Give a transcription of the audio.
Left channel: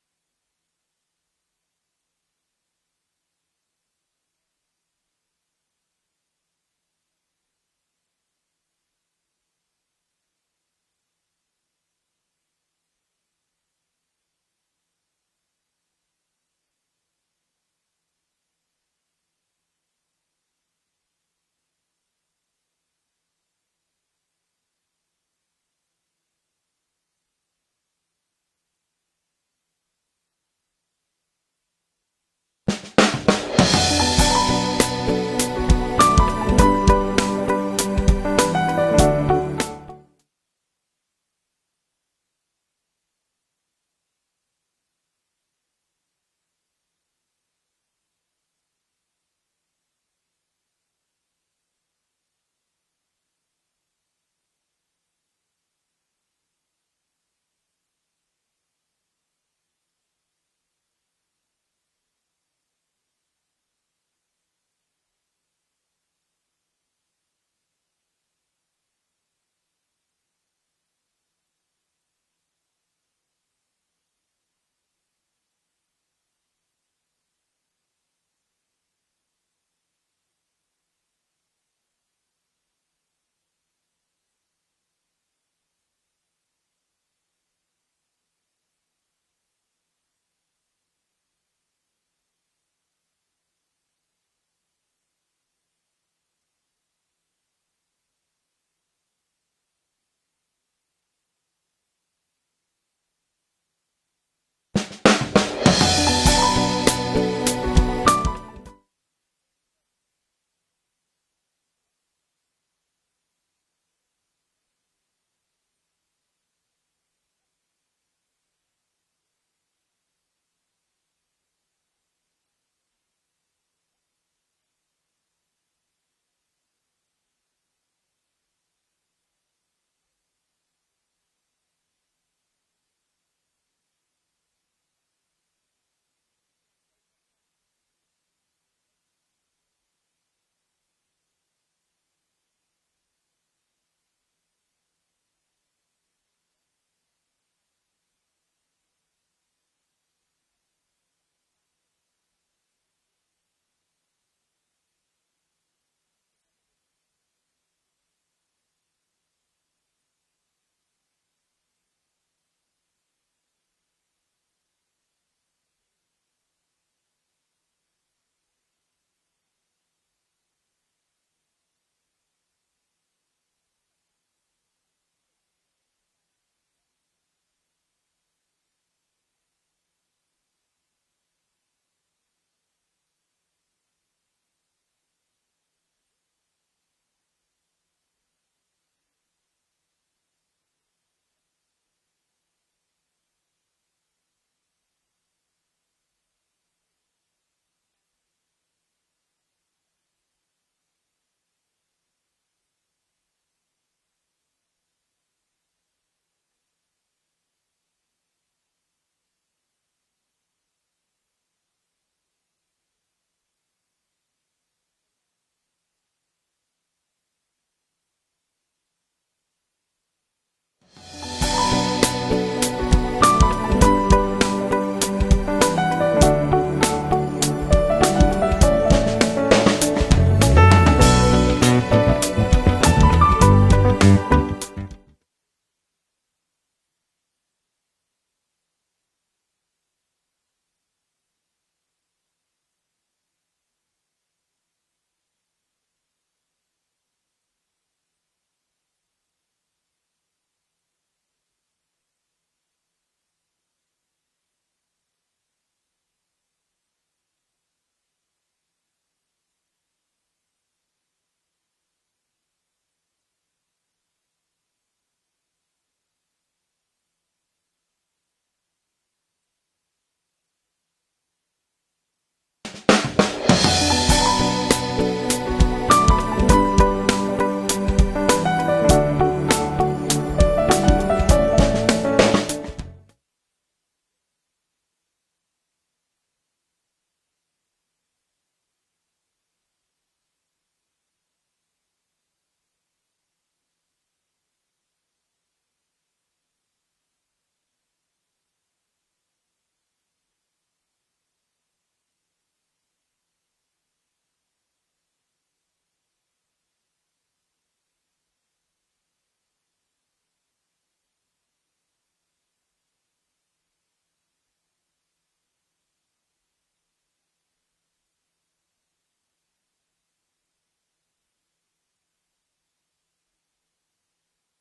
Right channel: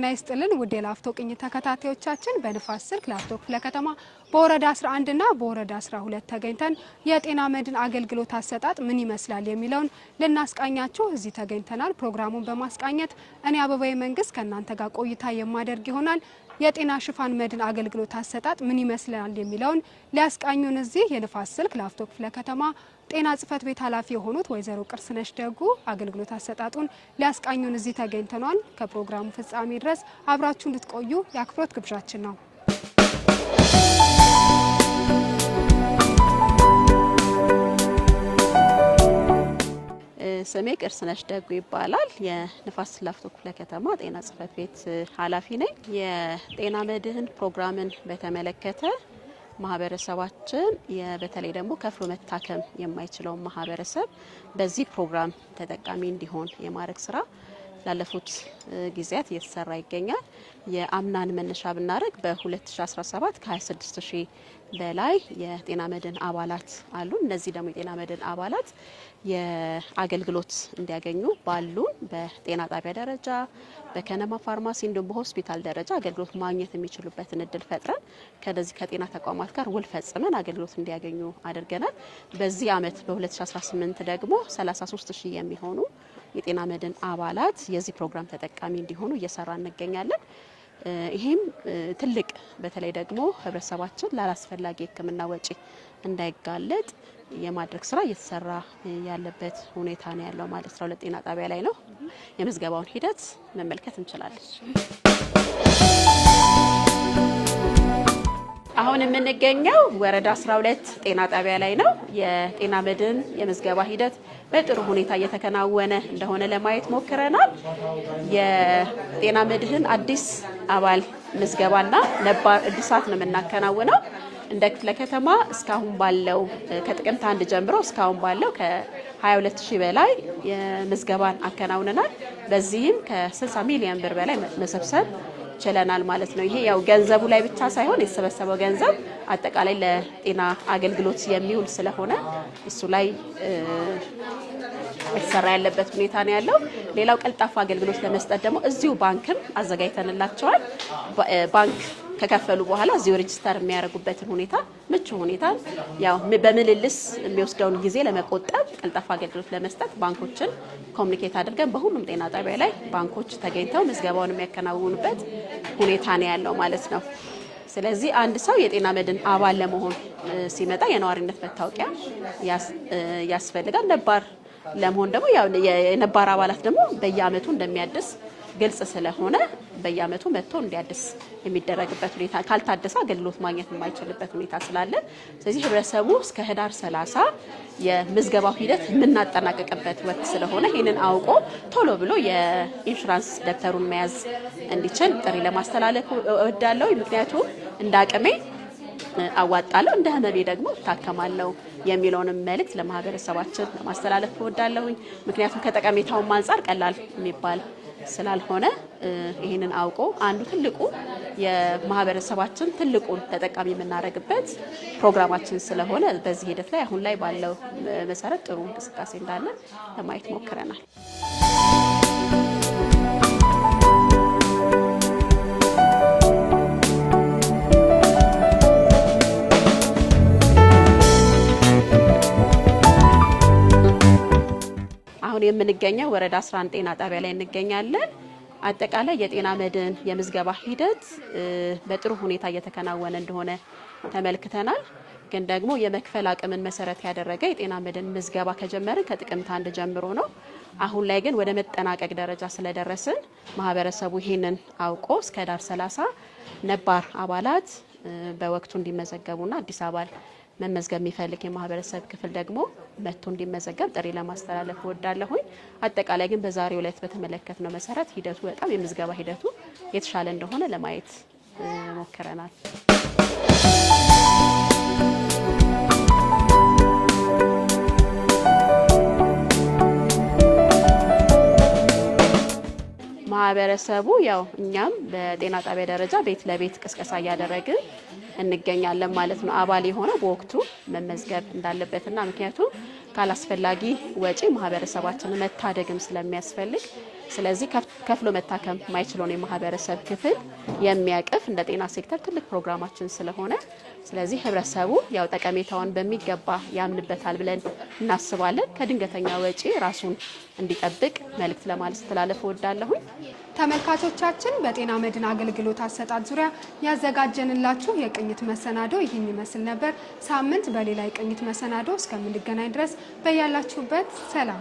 ጤና ይስጥልን ውድ የላፍቶ ቅኝት ተከታታዮቻችን በንፋስ ስልክ ላፍቶ ክፍለ ከተማ በወረዳ 11 እና በወረዳ 12 ተገኝተን የጤና መድን አገልግሎት አሰጣጥ ምን ይመስላል የሚለውን ልናስቃኛችሁ እዚህ ተገኝተናል። ፕሮግራሙን በማስቃኘት እኔ አበባዬ መንግስት ከእናንተ ጋር ቆይታ የማደርግ ይሆናል። የጤና ሽፋን መድን አገልግሎት አሰጣጥ ምን ይመስላል የሚለውን ሊያስቃኙን እዚህ የንፋስ ስልክ ላፍቶ ክፍለ ከተማ ጤና ጽፈት ቤት ኃላፊ የሆኑት ወይዘሮ ቅርስነሽ ደጉ አገልግሎት አሰጣጡን ሊያስቃኙን እዚህ ተገኝተናል። ከፕሮግራሙ ፍጻሜ ድረስ አብራችሁ እንድትቆዩ የአክብሮት ግብዣችን ነው። ስሜ ቅርስነሽ ደጉ ይባላል። የንፋስ ላፍቶ ክፍለ ከተማ ጤና ጽፈት ቤት ኃላፊ ነኝ። የጤና መድህን ፕሮግራምን በተመለከተ ማህበረሰባችን በተለይ ደግሞ ከፍሎ መታከም የማይችለው ማህበረሰብ በዚህ ፕሮግራም ተጠቃሚ እንዲሆን የማድረግ ስራ ላለፉት ጊዜያት እየተሰራ ይገኛል። የአምናን መነሻ ብናደርግ በ2017 ከ26000 በላይ የጤና መድን አባላት አሉ። እነዚህ ደግሞ የጤና መድን አባላት የአገልግሎት እንዲያገኙ ባሉ በጤና ጣቢያ ደረጃ በከነማ ፋርማሲ እንዲሁም በሆስፒታል ደረጃ አገልግሎት ማግኘት የሚችሉበትን እድል ፈጥረን ከነዚህ ከጤና ተቋማት ጋር ውል ፈጽመን አገልግሎት እንዲያገኙ አድርገናል። በዚህ አመት በ2018 ደግሞ 33000 የሚሆኑ የጤና መድን አባላት የዚህ ፕሮግራም ተጠቃሚ እንዲሆኑ እየሰራ እንገኛለን። ይሄም ትልቅ በተለይ ደግሞ ህብረተሰባችን ላላስፈላጊ ሕክምና ወጪ እንዳይጋለጥ የማድረግ ስራ እየተሰራ ያለበት ሁኔታ ነው ያለው ማለት ነው። ለጤና ጣቢያ ላይ ነው። የምዝገባውን ሂደት መመልከት እንችላለን። አሁን የምንገኘው ወረዳ 12 ጤና ጣቢያ ላይ ነው። የጤና መድን የምዝገባ ሂደት በጥሩ ሁኔታ እየተከናወነ እንደሆነ ለማየት ሞክረናል። የጤና መድህን አዲስ አባል ምዝገባና ነባር እድሳት ነው የምናከናውነው። እንደ ክፍለ ከተማ እስካሁን ባለው ከጥቅምት 1 ጀምሮ እስካሁን ባለው ከ22000 በላይ ምዝገባን አከናውነናል። በዚህም ከ60 ሚሊዮን ብር በላይ መሰብሰብ ችለናል ማለት ነው። ይሄ ያው ገንዘቡ ላይ ብቻ ሳይሆን የተሰበሰበው ገንዘብ አጠቃላይ ለጤና አገልግሎት የሚውል ስለሆነ እሱ ላይ የተሰራ ያለበት ሁኔታ ነው ያለው። ሌላው ቀልጣፋ አገልግሎት ለመስጠት ደግሞ እዚሁ ባንክም አዘጋጅተንላቸዋል። ባንክ ከከፈሉ በኋላ እዚሁ ሬጂስተር የሚያደርጉበትን ሁኔታ ምቹ ሁኔታ ያው በምልልስ የሚወስደውን ጊዜ ለመቆጠብ ቀልጣፋ አገልግሎት ለመስጠት ባንኮችን ኮሙኒኬት አድርገን በሁሉም ጤና ጣቢያ ላይ ባንኮች ተገኝተው ምዝገባውን የሚያከናውኑበት ሁኔታ ነው ያለው ማለት ነው። ስለዚህ አንድ ሰው የጤና መድን አባል ለመሆን ሲመጣ የነዋሪነት መታወቂያ ያስፈልጋል። ነባር ለመሆን ደግሞ ያው የነባር አባላት ደግሞ በየአመቱ እንደሚያድስ ግልጽ ስለሆነ በየአመቱ መጥቶ እንዲያድስ የሚደረግበት ሁኔታ ካልታደሰ አገልግሎት ማግኘት የማይችልበት ሁኔታ ስላለ ስለዚህ ህብረተሰቡ እስከ ህዳር 30 የምዝገባው ሂደት የምናጠናቀቅበት ወቅት ስለሆነ ይህንን አውቆ ቶሎ ብሎ የኢንሹራንስ ደብተሩን መያዝ እንዲችል ጥሪ ለማስተላለፍ እወዳለሁ። ምክንያቱም እንደ አቅሜ አዋጣለሁ እንደ ህመሜ ደግሞ እታከማለሁ የሚለውንም መልእክት ለማህበረሰባችን ለማስተላለፍ እወዳለሁኝ። ምክንያቱም ከጠቀሜታው አንፃር ቀላል የሚባል ስላልሆነ ይሄንን አውቆ አንዱ ትልቁ የማህበረሰባችን ትልቁን ተጠቃሚ የምናደርግበት ፕሮግራማችን ስለሆነ በዚህ ሂደት ላይ አሁን ላይ ባለው መሰረት ጥሩ እንቅስቃሴ እንዳለ ለማየት ሞክረናል። የምንገኘው ወረዳ 11 ጤና ጣቢያ ላይ እንገኛለን። አጠቃላይ የጤና መድን የምዝገባ ሂደት በጥሩ ሁኔታ እየተከናወነ እንደሆነ ተመልክተናል። ግን ደግሞ የመክፈል አቅምን መሰረት ያደረገ የጤና መድን ምዝገባ ከጀመርን ከጥቅምት 1 ጀምሮ ነው። አሁን ላይ ግን ወደ መጠናቀቅ ደረጃ ስለደረስን ማህበረሰቡ ይሄንን አውቆ እስከ ዳር 30 ነባር አባላት በወቅቱ እንዲመዘገቡና አዲስ አባል መመዝገብ የሚፈልግ የማህበረሰብ ክፍል ደግሞ መጥቶ እንዲመዘገብ ጥሪ ለማስተላለፍ እወዳለሁኝ። አጠቃላይ ግን በዛሬው ዕለት በተመለከትነው መሰረት ሂደቱ በጣም የምዝገባ ሂደቱ የተሻለ እንደሆነ ለማየት ሞክረናል። ማህበረሰቡ ያው እኛም በጤና ጣቢያ ደረጃ ቤት ለቤት ቅስቀሳ እያደረግን እንገኛለን ማለት ነው። አባል የሆነ በወቅቱ መመዝገብ እንዳለበትና ምክንያቱም ካላስፈላጊ ወጪ ማህበረሰባችንን መታደግም ስለሚያስፈልግ ስለዚህ ከፍሎ መታከም ማይችለውን የማህበረሰብ ክፍል የሚያቅፍ እንደ ጤና ሴክተር ትልቅ ፕሮግራማችን ስለሆነ ስለዚህ ህብረተሰቡ ያው ጠቀሜታውን በሚገባ ያምንበታል ብለን እናስባለን። ከድንገተኛ ወጪ ራሱን እንዲጠብቅ መልእክት ለማለት ተላለፈ ወዳለሁ። ተመልካቾቻችን በጤና መድን አገልግሎት አሰጣጥ ዙሪያ ያዘጋጀንላችሁ የቅኝት መሰናዶ ይህን ይመስል ነበር። ሳምንት በሌላ የቅኝት መሰናዶ እስከምንገናኝ ድረስ በያላችሁበት ሰላም